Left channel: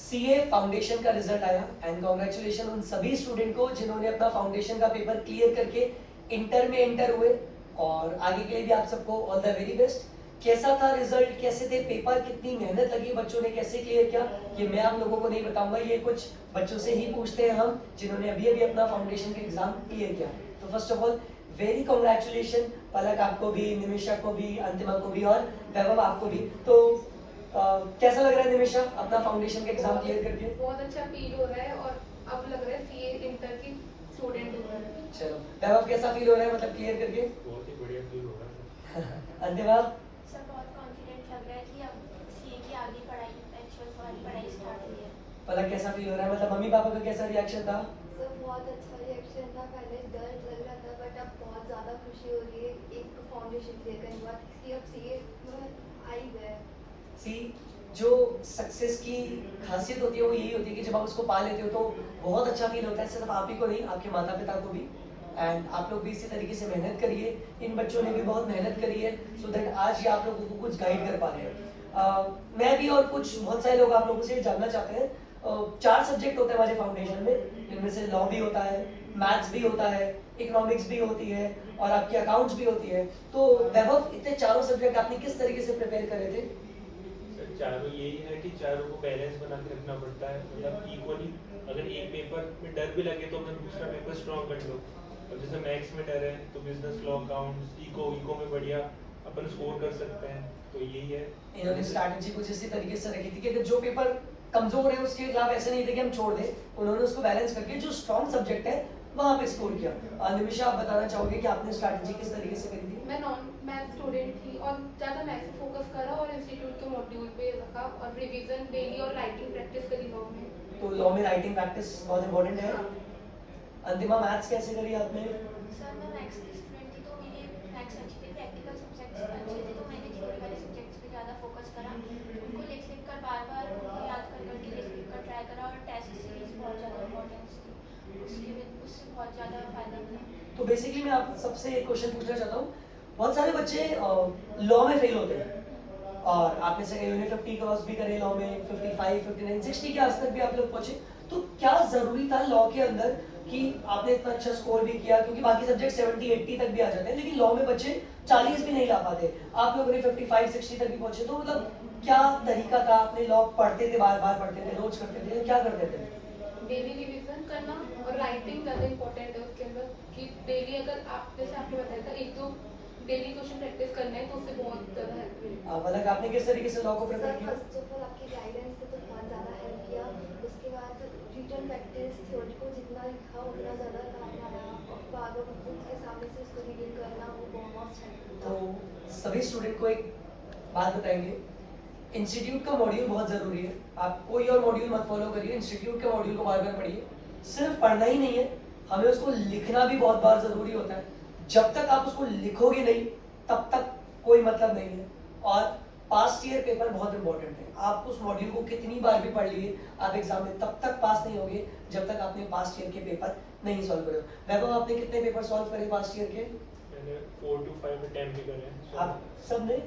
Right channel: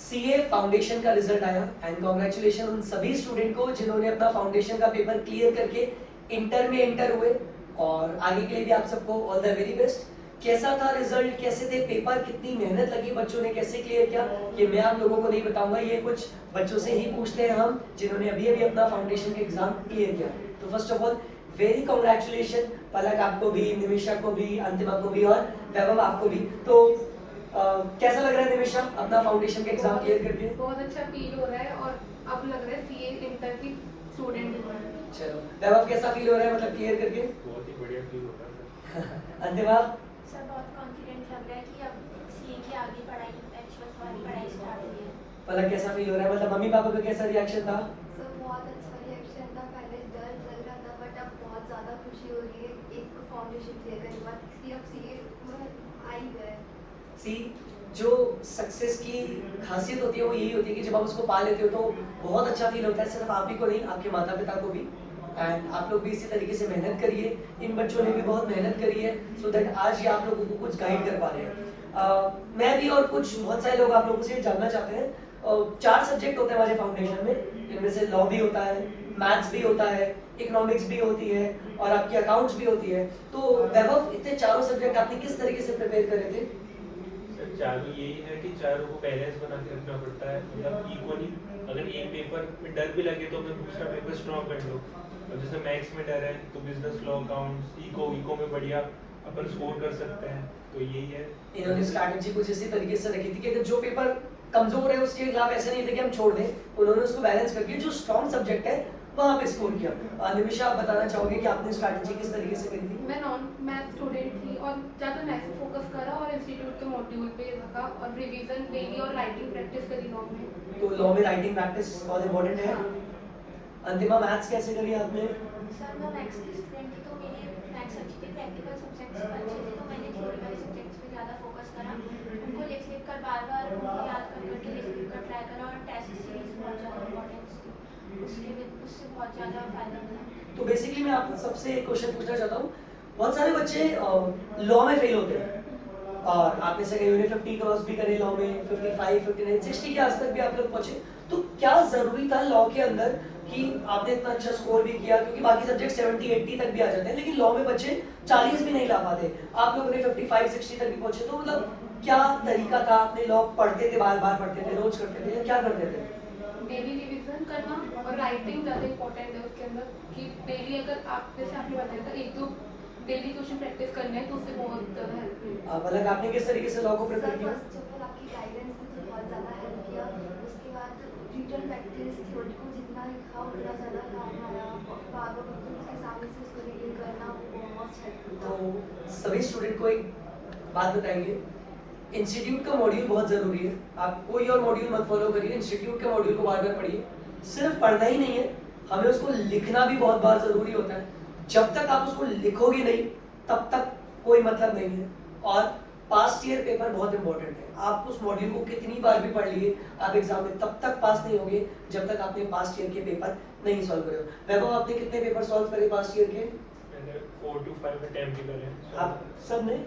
CA foundation का result आया and congratulation उन सभी स्टूडेंट को जिन्होंने अपना फाउंडेशन का पेपर क्लियर करके इंटर में एंटर हुए, और आगे के लिए भी आप सबको ऑल द वेरी बेस्ट। कैसा था रिजल्ट, कैसे थे पेपर, कितनी मेहनत लगी बच्चों ने, कैसे क्लियर किया, ये मैं आप लोगों को नहीं बताऊंगा, ये कुछ बच्चों से ही पूछते हैं हम जिन्होंने अभी अभी अपना फाउंडेशन का एग्जाम क्लियर किया। तो first of all very congratulation Palak आपको भी, निमिषा को भी, अंतिमा को भी और वैभव आपको भी। तो कैसा लग रहा है निमिषा अपना फाउंडेशन का एग्जाम क्लियर करके? बहुत अच्छा फील हो रहा है और अब लग रहा है सीए इंटर की स्टूडेंट हो रहा है। चलो वैभव कैसा फील हो रहा है मतलब क्लियर करके? बहुत ही बढ़िया फील हो रहा है अंतिमा? सर बहुत कॉन्फिडेंट लग रहा है कि अब सीए की आगे पढ़ाई एक्चुअल वाली पढ़ाई स्टार्ट हो गई है। पलक कैसा फील हो रहा है, मतलब मम्मी पापा का कैसा रिएक्शन था? सर बहुत अच्छा रिएक्शन था, पहले डर लग रहा था बट अब बहुत ज़्यादा खुशी हो रही है। एक फाउंडेशन क्लियर करने के बाद अब सीए पूरा आ ही गया है। सी जो सक्सेस की खासियत होती है वो यही होती है कि जब आप उसको पा लेते हो तो बहुत अच्छा फील होता है, सिर्फ आप ही को नहीं आपके माता पिता को भी। एंड आप लोग भी इसी तरीके से मेहनत करिए, इन बच्चों ने भी बहुत मेहनत करी है सो दैट आज ये आप लोगों को कुछ गाइड कर पा रहे हैं। मैं भी और कुछ बहुत सारे लोग आप लोगों से जानना चाहते हैं। 4 सब्जेक्ट होते हैं हमारे फाउंडेशन में, जिनमें से लॉ भी होता है, मैथ्स भी होता है, इकोनॉमिक्स भी होती है और आपकी अकाउंट्स भी होती है। तो वैभव इतने चारों सब्जेक्ट आपने किस तरीके से प्रिपेयर करे थे? चारों यही है कि चारों को बैलेंस बना के रखना पड़ता है, मतलब इक्वली। अगर एक पेपर में डर भी लगे तो मैं दूसरा पेपर स्ट्रॉन्ग कर लूँ। और जैसे मैथ्स में डर है तो बिजनेस, लॉ, अकाउंट्स, इको में बढ़िया अपन स्कोर कर सकते हैं। तो यही है, इन्होंने स्ट्रैटेजी कुछ इसी तरीके से रखी थी कि अगर जो पेपर कमजोर है उसके खिलाफ ऐसा नहीं था कि हम छोड़ दें, उन्होंने उसको बैलेंस करके जो स्ट्रॉन्ग सब्जेक्ट है वहां पे स्कोर किया। निमिषा आप बताना चाहोगे कि आपने स्ट्रैटेजी किस तरीके से करी थी? मैं नॉन मैथ स्टूडेंट थी और ज़्यादा मैथ पे फोकस करा और इंस्टीट्यूट के मॉड्यूल पे रखा और रिवीजन डेली और राइटिंग प्रैक्टिस करी लॉ में। तो लॉ में राइटिंग प्रैक्टिस बहुत इंपॉर्टेंट है। अंतिमा मैथ्स कैसे करी आपने? सर मैं मैथ्स की स्टूडेंट थी तो मेरी मैथ्स अच्छी थी, प्रैक्टिकल सब्जेक्ट्स अच्छे थे, तो मैंने थ्योरी वाले सब्जेक्ट्स पे ज़्यादा फोकस करा, उनको लिख लिख कर बार बार उनको याद कर करके लिख लिख कर ट्राई करा और टेस्ट सीरीज बहुत ज़्यादा इंपॉर्टेंस थी, उससे बहुत ज़्यादा फायदा मिला। तो बेसिकली मैं आपको सबसे एक क्वेश्चन पूछना चाहता हूँ, बहुत सारे बच्चे लॉ में फेल होते हैं और आपने से कहीं 50 क्रॉस भी करे लॉ में, 55, 59, 60 के आस तक भी आप लोग पहुंचे। तो क्या जरूरी था लॉ के अंदर कि आपने इतना अच्छा स्कोर भी किया, क्योंकि बाकी सब्जेक्ट 70, 80 तक भी आ जाते हैं लेकिन लॉ में बच्चे 40 भी नहीं ला पाते, आप लोगों ने 55, 60 तक भी पहुंचे। तो मतलब क्या तरीका था? आपने लॉ पढ़ते थे, बार बार पढ़ते थे, रोज करते थे, क्या करते थे? डेली रिवीजन करना और राइटिंग ज़्यादा इंपॉर्टेंट है उसके अंदर, कि डेली अगर आप जैसे आपने बताया था एक दो डेली क्वेश्चन प्रैक्टिस करना है तो उससे बहुत ज़्यादा हेल्प मिलेगी। मतलब आपने किस तरीके से लॉ को प्रिपेयर किया? फर्स्ट ऑफ ऑल आपकी गाइडेंस ने तो बहुत ज़्यादा हेल्प किया, उसके बाद रिटन प्रैक्टिस, थ्योरी को जितना लिखा उतना ज़्यादा काम आया, बाद में खुद के सामने से उसको रीडिंग करना वो बहुत हेल्प। तो सभी स्टूडेंट को एक बात बताएंगे, इंस्टीट्यूट का मॉड्यूल बहुत जरूरी है। आप कोई और मॉड्यूल मत फॉलो करिए, इंस्टीट्यूट के मॉड्यूल को बार बार पढ़िए। सिर्फ पढ़ना ही नहीं है, हमें उसको लिखना भी बहुत बार जरूरी होता है। जब तक आप उसको लिखोगे नहीं तब तक कोई मतलब नहीं है। और पास्ट ईयर पेपर बहुत इंपॉर्टेंट है, आप उस मॉड्यूल को कितनी बार भी पढ़ लिए, आप एग्जाम में तब तक पास नहीं होंगे जब तक आपने पास्ट ईयर के पेपर नहीं सॉल्व करे। वैभव आपने कितने पेपर सॉल्व करे पास्ट ईयर के? मैंने 4 to 5 अटेम्प्ट भी करे। आप सबने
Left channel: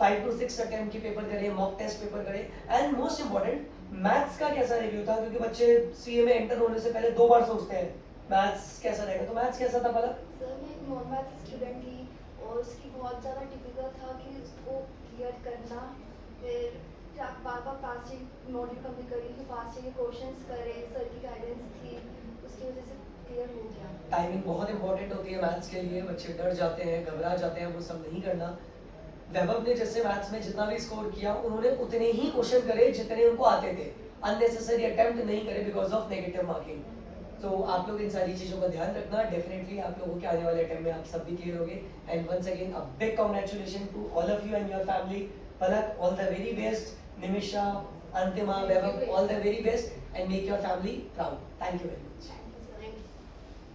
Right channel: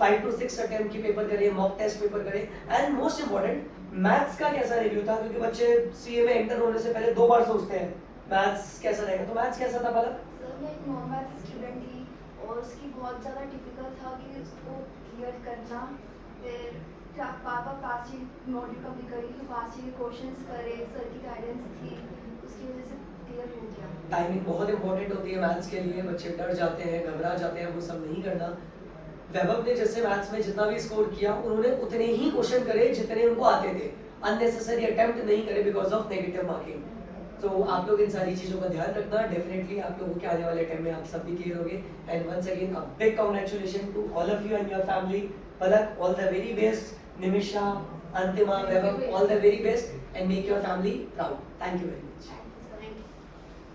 5 to 6 अटेम्प्ट के पेपर करे, मॉक टेस्ट पेपर करे। एंड मोस्ट इंपॉर्टेंट मैथ्स का कैसा रिव्यू था, क्योंकि बच्चे सीए में एंटर होने से पहले 2 बार सोचते हैं मैथ्स कैसा रहेगा, तो मैथ्स कैसा था पहला? सर मैं एक नॉन मैथ स्टूडेंट थी और उसकी बहुत ज़्यादा डिफिकल्ट था कि उसको क्लियर करना। फिर पापा पास ही नोट कभी करी तो पास ही क्वेश्चंस करे, सर की गाइडेंस थी, उसकी वजह से क्लियर हो गया। टाइमिंग बहुत इंपॉर्टेंट होती है मैथ्स के लिए, बच्चे डर जाते हैं, घबरा जाते हैं, वो सब नहीं करना। वैभव ने जैसे मैथ्स में जितना भी स्कोर किया उन्होंने उतने ही क्वेश्चन करे जितने उनको आते थे, अननेसेसरी अटेम्प्ट नहीं करे बिकॉज ऑफ नेगेटिव मार्किंग। तो आप लोग इन सारी चीजों का ध्यान रखना, डेफिनेटली आप लोगों के आने वाले टाइम में आप सब भी क्लियर होगे। And once again a big congratulation to all of you and your family. Palak all the very best, Nimisha, Antima, Vaibhav all the very best and make your family proud. Thank you very much.